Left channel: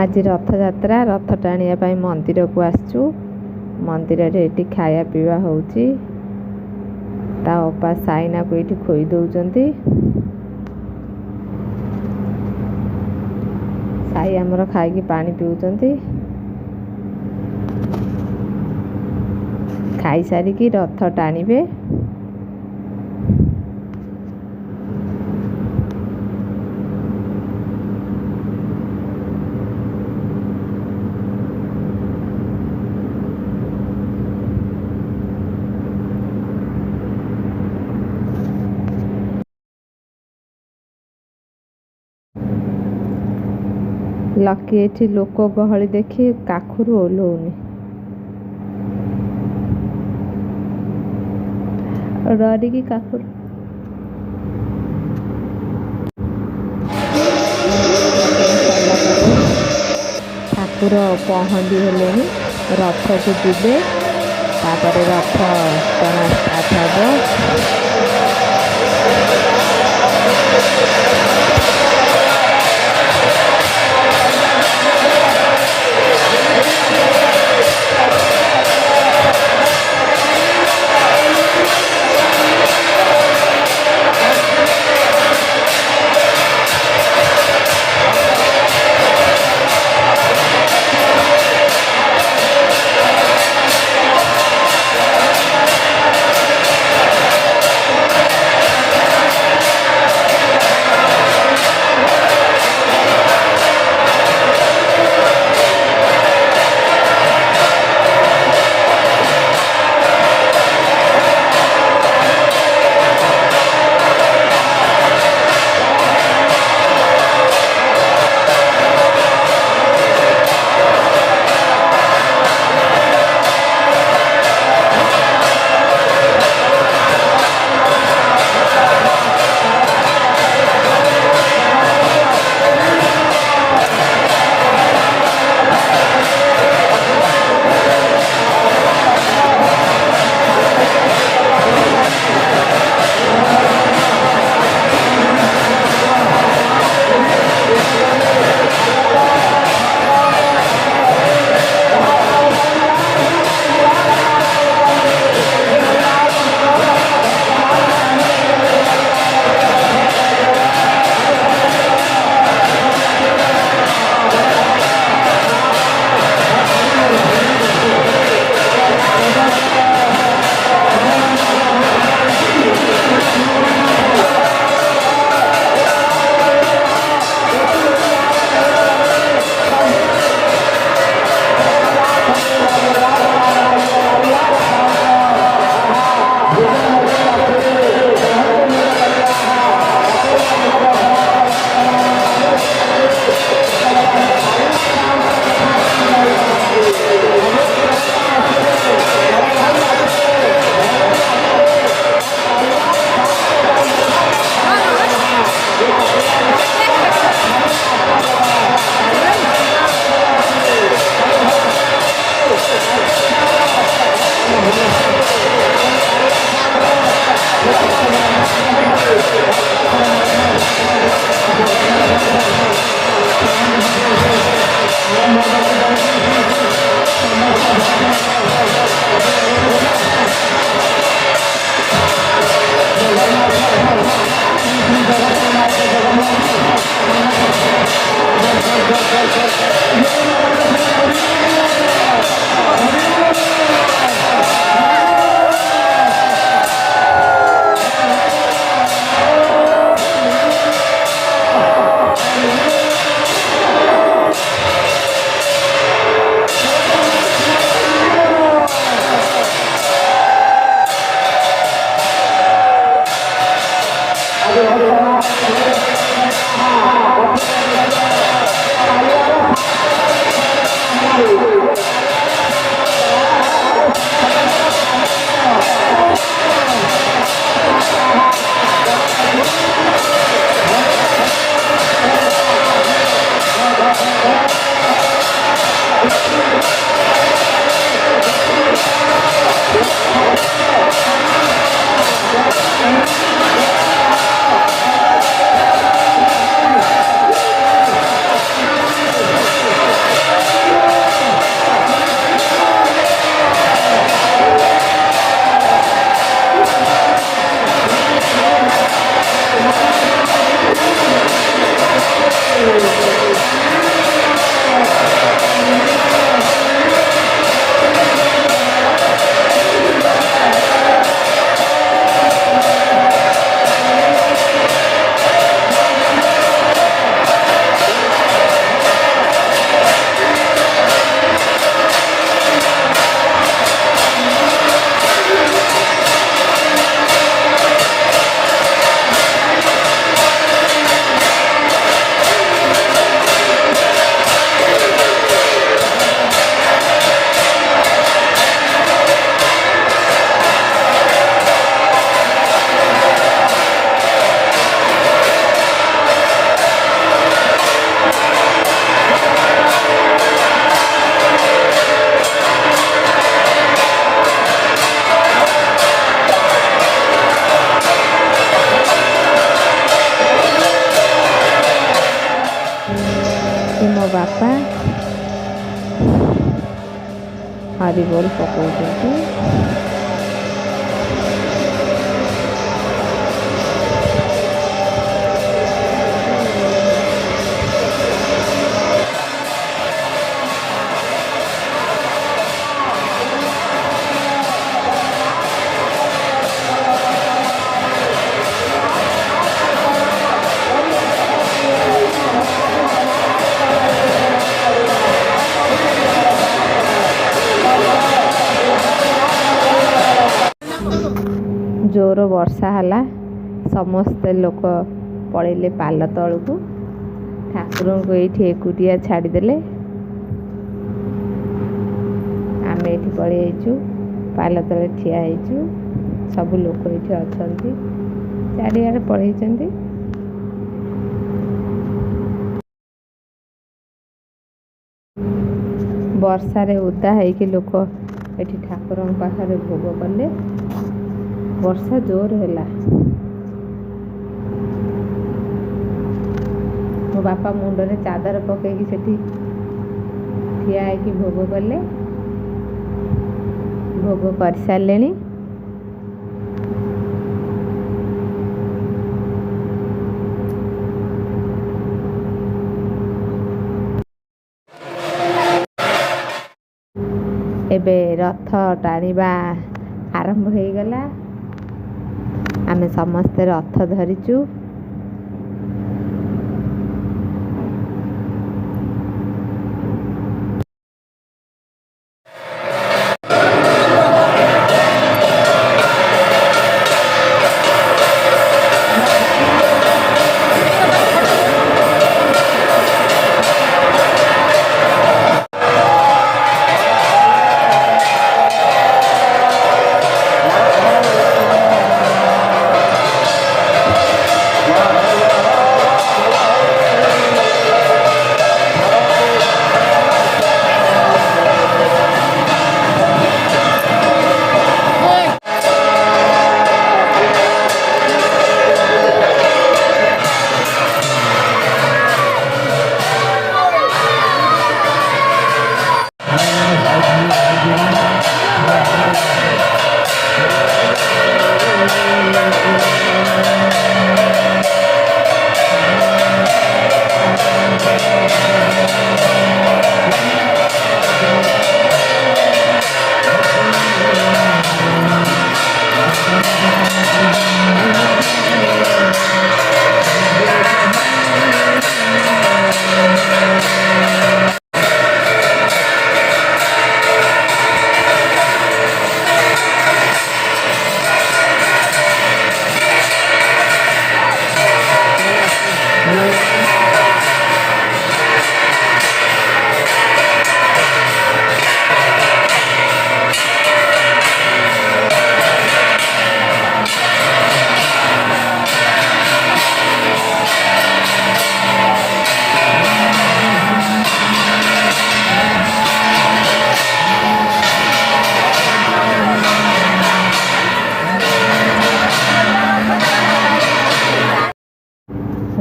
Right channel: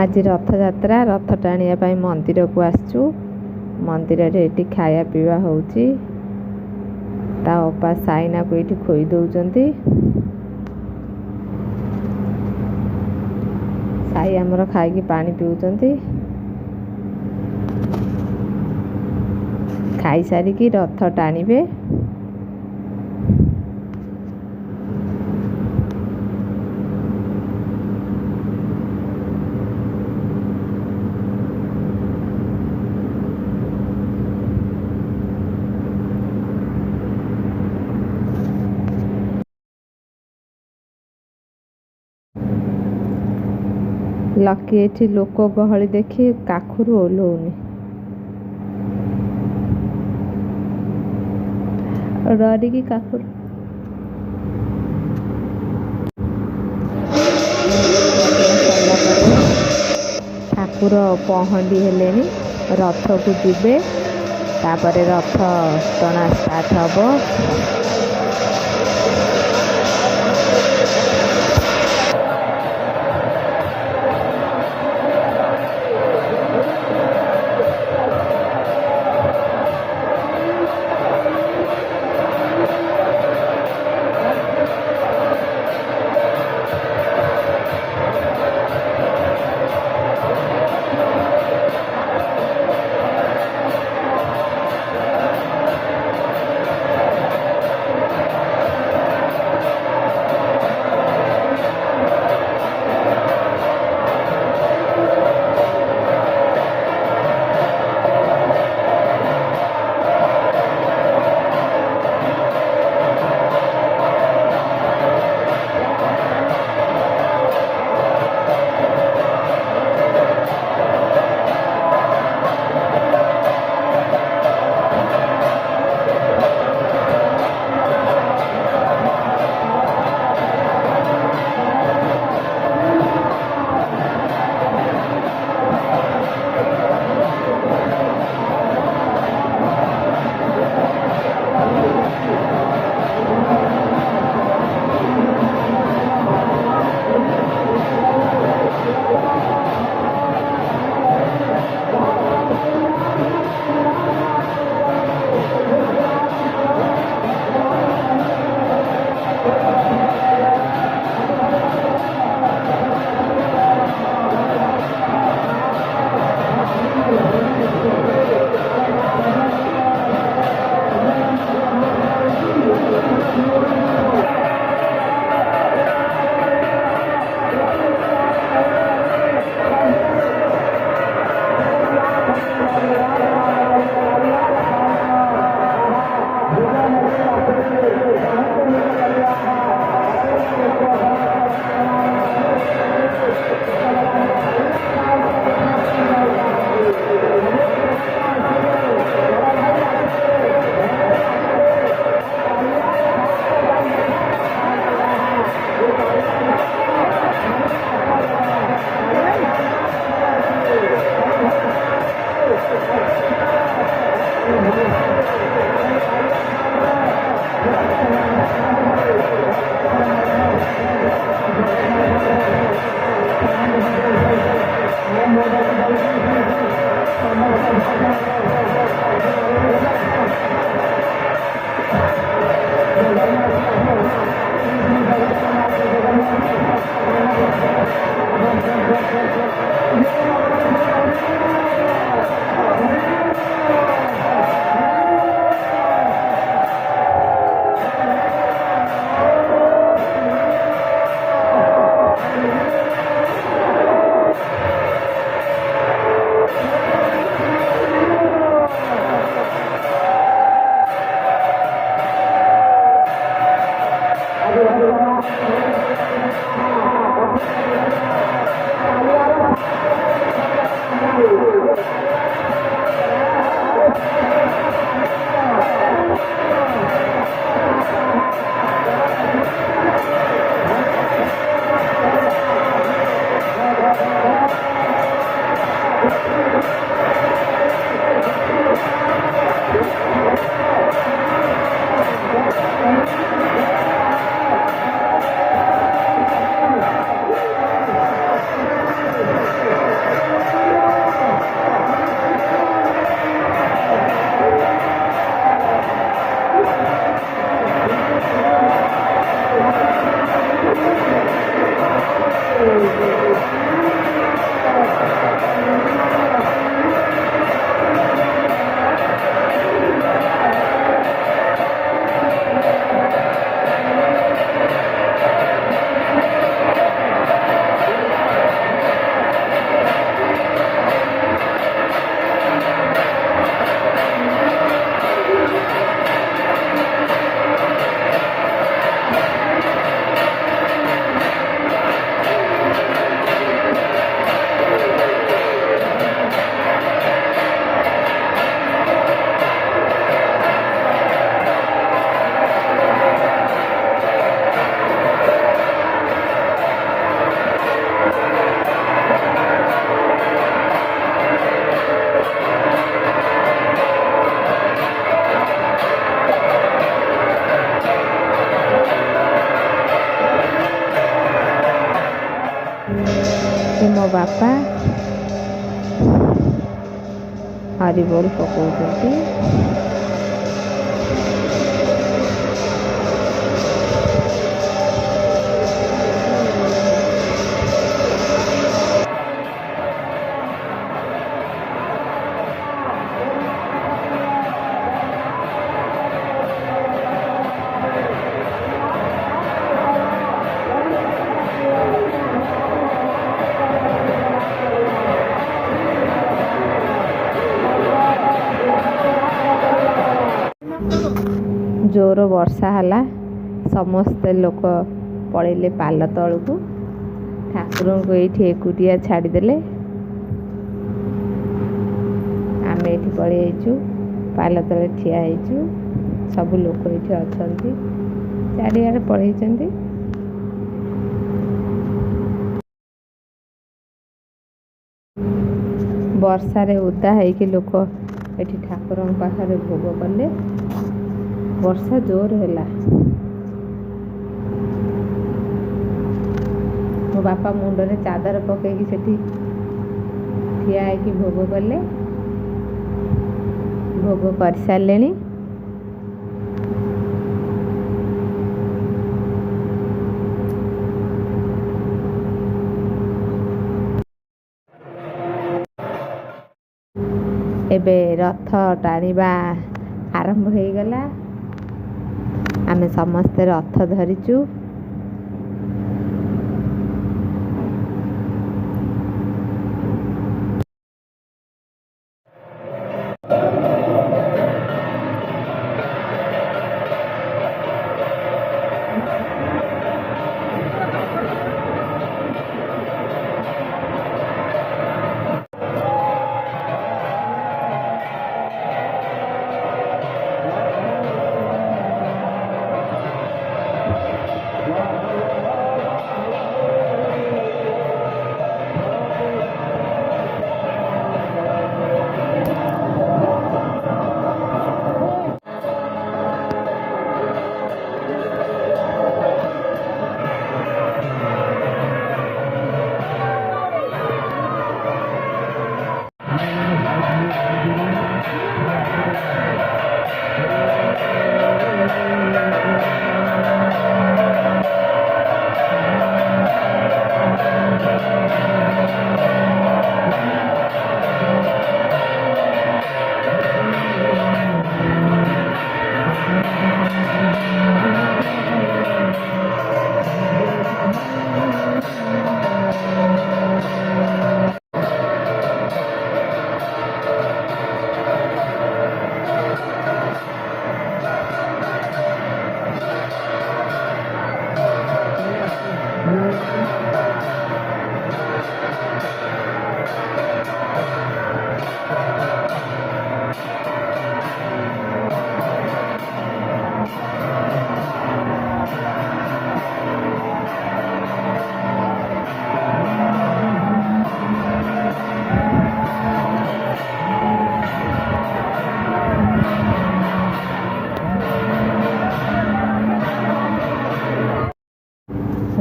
आज रथयात्रा रथ टाणिया मंदिर को आसचु। मंदिर रे एटी खाया पीवा होउची। ता अपा साइना को एटी खोई दउचंती। साई हमर खाई की पानी पिउचंती। खाई सारी की रथ टाणीबे। लकी एठी लोक गहली देखी काखुरु ओल्हौनी। डरिकी काखुर ठाकुर पहंडी हेले रथ को जीवे। तापर रथ टଣା स्टार्ट हबो। ଏଠି ମୋ ବାପା ହରିବୋଲ ପକଉଛନ୍ତି। ଜୋର ବର୍ଷା ହେଲା, ସମସ୍ତେ ଲୋକ ପଳେଇଲେ ପାଲ ତଳକୁ। ଠାକୁରଙ୍କୁ ଏଇଠି ଏକୁଟିଆ ଛାଡ଼ିଦେଲେ। ଆମେ ଏଇଠି ପଳେଇ ଯାଇଛୁ, ପାଲ ତଳେ ଠିଆ ହେଇଛୁ। ସବୁ ଲୋକ ଏଇଠି ଅଛନ୍ତି, ଚାରିଆଡ଼େ ପଳେଇଛନ୍ତି। ବର୍ଷାରେ ଓଦା ହେଇକି ଲୋକ ଏଠି ଠାକୁରଙ୍କ ପାଖରେ ଭୋଗ କଲେ। ବର୍ଷା ଜୋର ହେଲା। ମୋ ବାପା ମୁଣ୍ଡରେ ଚାଦର ପକେଇକି ସେଠି ଠିଆ ହେଇକି ଭୋଗ କଲେ। ଭୋଗ କରିସାରିଲେଣି। ଏବେ ରଥ ଟାଣିବା ଆରମ୍ଭ ହେଇଗଲା। ଆମେ ସମସ୍ତେ ରଥ ଧରିଛୁ।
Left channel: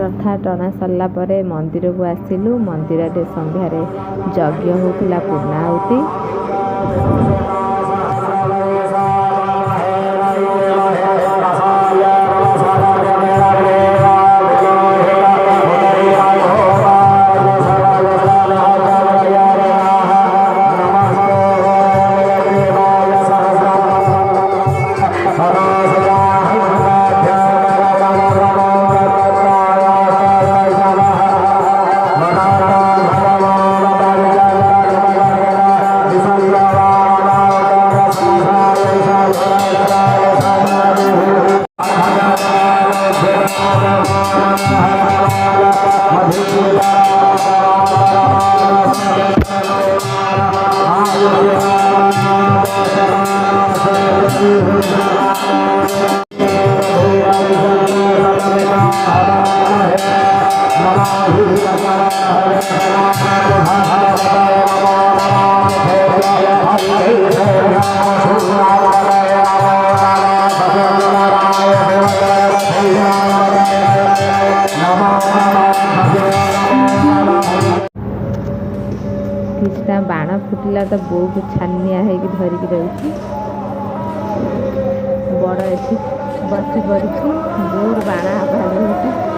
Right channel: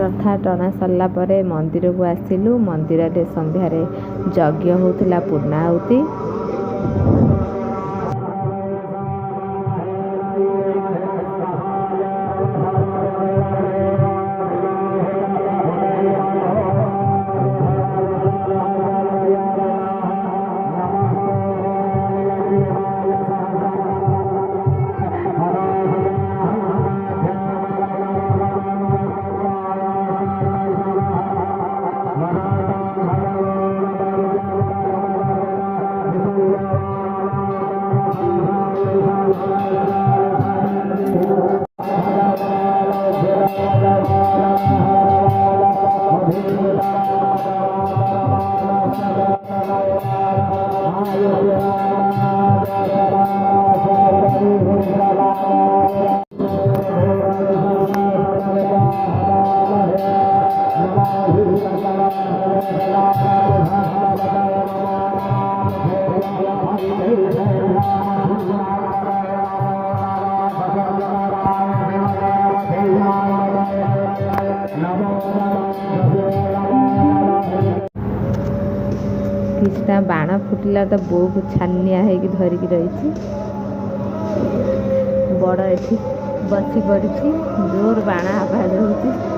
ରଥ ଟଣା ସରିଲା ପରେ ମନ୍ଦିରକୁ ଆସିଲୁ। ମନ୍ଦିରରେ ସନ୍ଧ୍ୟାରେ ଯଜ୍ଞ ହେଉଥିଲା, ପୂର୍ଣ୍ଣାହୁତି। किछटा बाण फुटिला तो बो को छानिया है धरिकी रही बड़ एठी बसी पड़ी जोर बाण आवाज होती